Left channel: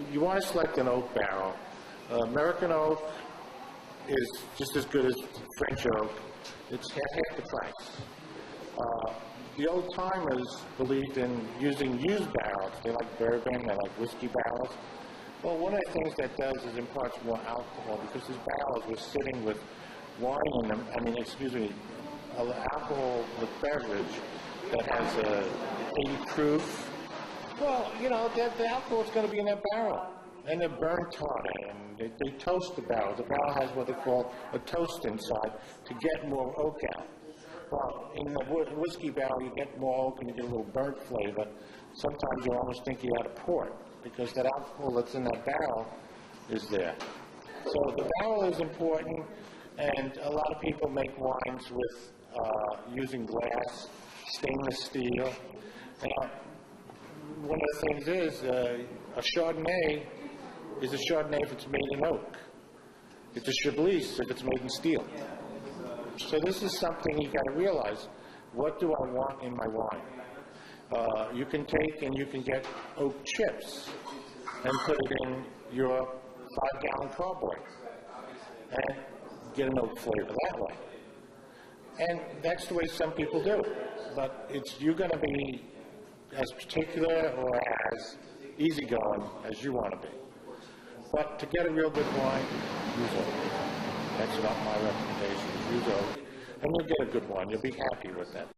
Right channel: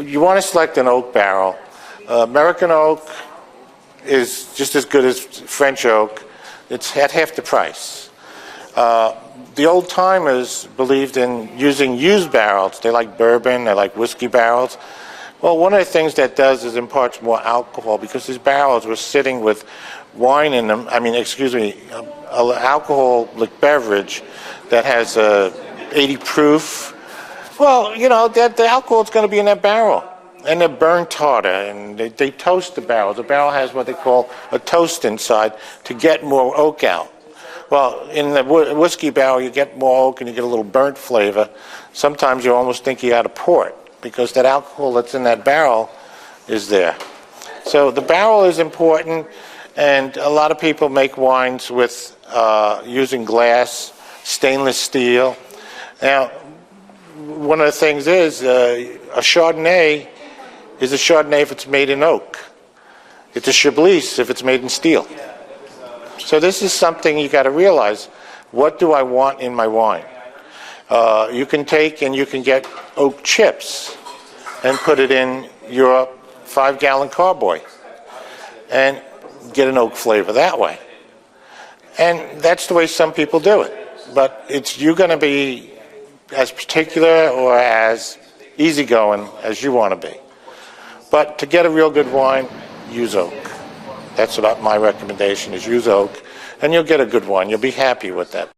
You want to select an oak barrel. American oak is just as good as French oak. It's at half the price. The old timers believed in using used barrels. They like bourbon, they like whiskey barrels. Well, one of the things that does is imparts more alcohol because these barrels were sitting with wine in them, alcoholic beverage that has 80 proof. Well, you know, the alcohol is going to be in that barrel. And they're burnt harder, and they toast the barrel. The barrel has what they call a toast inside to get more oak out. Well, in the whiskey barrel, you get more oak and you get a little burnt flavor. Sometimes you almost think you got a port because that alcohol that's in that barrel is there. So the barrel is important, and a lot of people make wines with using glass, stainless steel. Now, one of the things is a Chardonnay is a Chardonnay if it's made in oak. It's a Chablis if it's made in steel. So this is something you got to realize. What do I want in my wine? You can take and you can get oak chips and put it in your 5-gallon carboy and get an oak flavor that way. And that's the way some people do it. But you're going to be as particular or as easygoing as you want to be. But to get a real good wine, use oak. That's about my recommendation, is use oak, and you'll get a good wine. You'll be happy with that.